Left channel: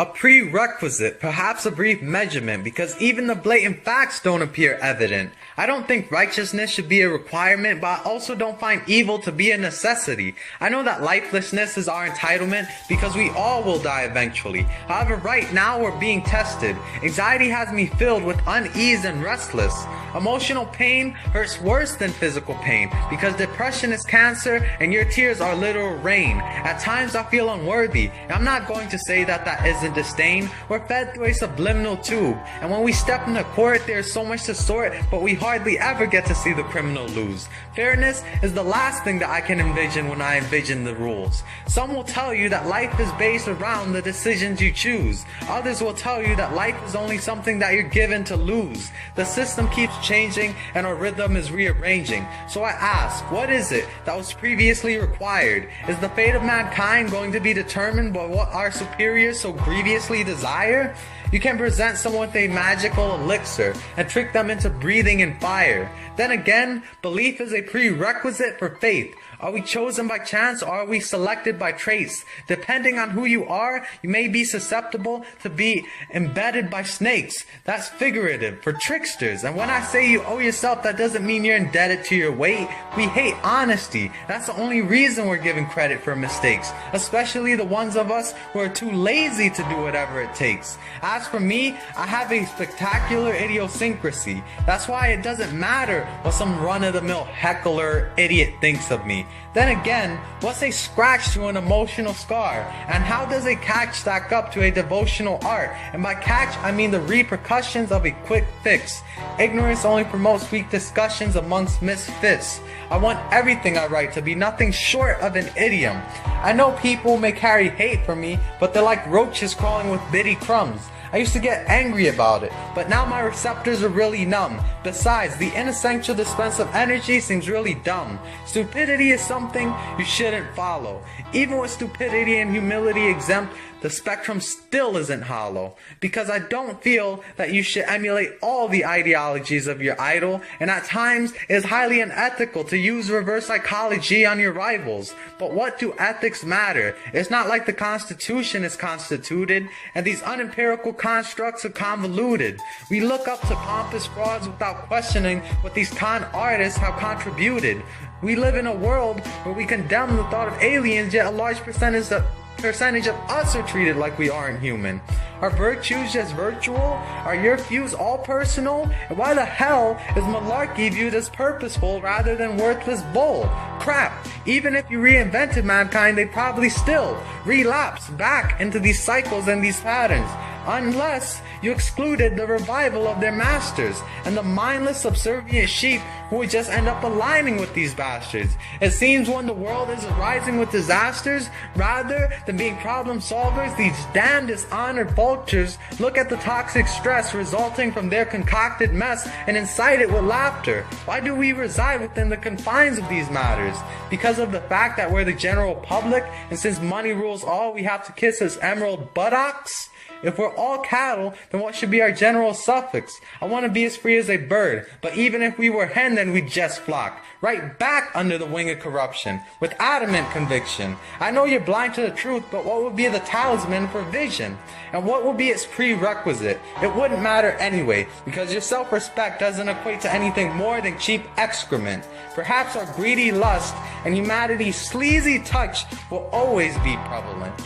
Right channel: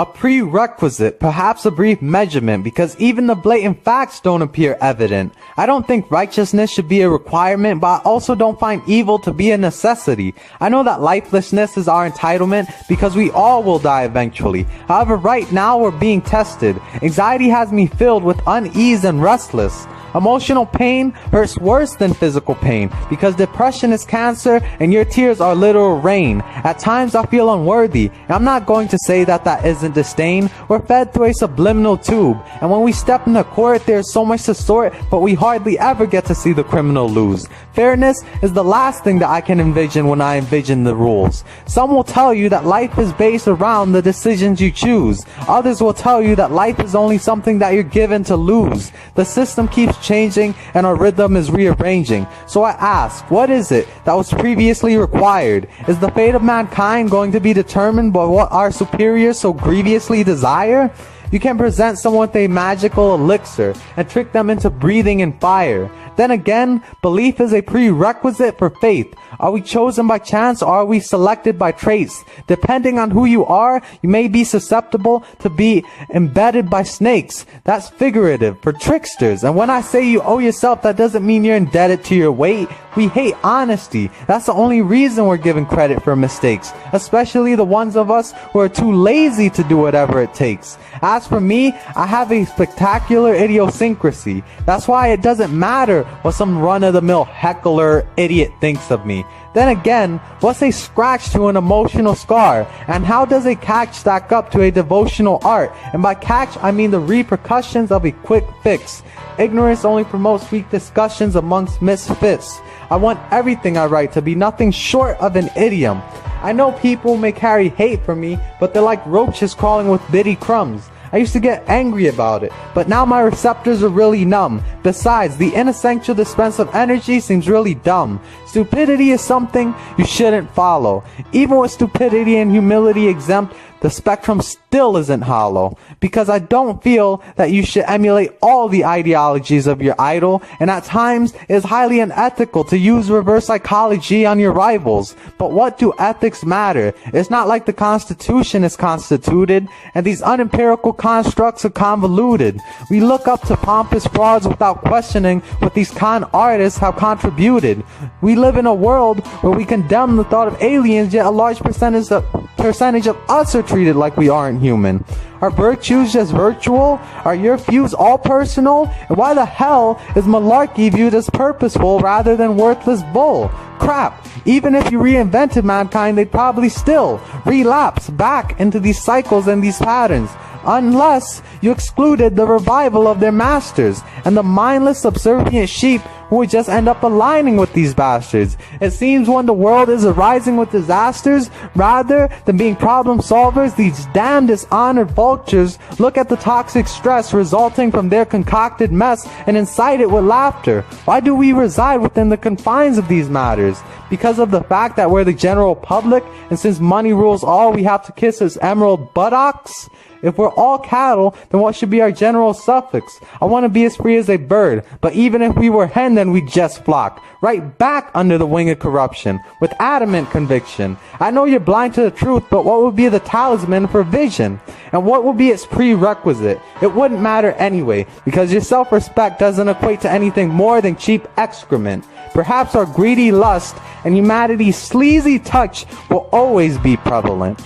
A prerequisite, perhaps a brief measurement, because even the blatant facts don't appear evident. I don't think righteousness should be a requirement, but I also don't find evil to be a necessity. I know that lifelessness is our entitlement because we all will die eventually. However, right now we're being tested. Anxiety has me filled with unease and restless. Emotional pain hurts worse than physical pain because depression is cancer and your tears are literal rain. At times I feel unworthy, and I'm not going to say that that isn't disdain. We're fed through a subliminal tube, and when we step into court there's so much to sort, but we hardly ever get to see the criminal lose. Fairness is the last thing that I can envision when I envision the rules. Some will tell you that life is based around the decisions you choose. Others will tell you that life is only something that you're given to lose. The system keeps changing and our rhythm is rearranging. So I ask, what is it that was previously required? Is the fate of mankind going to be determined by what our superiors so grievously desire? You can present someone with a magical elixir and trick them into breathing in fire. Then again, belief is a prerequisite for faith. Are we chosen by chance or are we selected by traits? Depending on who you are, you may be susceptible to be embedded by snakes. That's figurative for tricksters. And when I say you owe yourself, that doesn't mean you're indebted to your weight. We hate honesty. That's the only reason we're given credit for mistakes, especially the ones of us who are too lazy to do whatever it takes. As for me, I have a spectacular idiosyncrasy. That's why it doesn't matter what some run-of-the-mill heckler idiot thinks of me. Then again, what's a scratch to an emotional scar? And how does a catch stack up to a devotional art? And by catch, I mean the repercussions of a quick fix. Ignorance only promotes weak discussions amongst misfits. I want everything I write to be nothing short of an idiom. I know people may carry hate for me, but they're like roaches crawling with bitty crumbs. I used to get angry about it, but now my receptors are really numb. Besides, the inessential dispense of energy seems really dumb. Stupidity is something you shouldn't follow. Even with stupidity and humility exempt, the spectrum still isn't hollow, because I don't feel that you should emulate all the ideologies of your idol, and at times it is highly unethical to use reverse psychology on your rivals. But what do ethics matter? It's not like the Constitution is constituted, and these unempirical constructs are convoluted. We look up to pompous frauds without questioning what these con artists have contributed. We live in a world where we condemn the thought of aliens, yet a large percentage of us are treated like we aren't human. Are virtues just virtual? Are your views all personal? And why the hell is malarkey viewed as purposeful rather than worthless bull? Crap, even if you reinvented mankind, they'd probably still relapse back into these cycles and these patterns, unless you excluded the revival of their masters and the mindless subservient sheep who would just end up aligning with these bastards. It seems when the world is arising with disasters, rather than being problem solvers, these damn dishonored vultures look at the toxic stress resulting from their concocted mess and incite it with laughter. Why do we reside within the confines of these matters? Because of the fact that we're the general public, and since money rules all, we have to kiss its emerald buttocks? If we're all cattle, then what should be our general suffix? I want to be as free as a bird, but even if we were hen, then we'd just flock right back under the wing of corruption, with adamant conviction. I know you're blind to the truth, but what would be the talisman for vision? And what would be its prerequisite? It wouldn't matter anyway, because your self-respect doesn't equate to anything more than cheap excrement. Perhaps our greedy lust and humanity's sleazy touch will always be prevalent.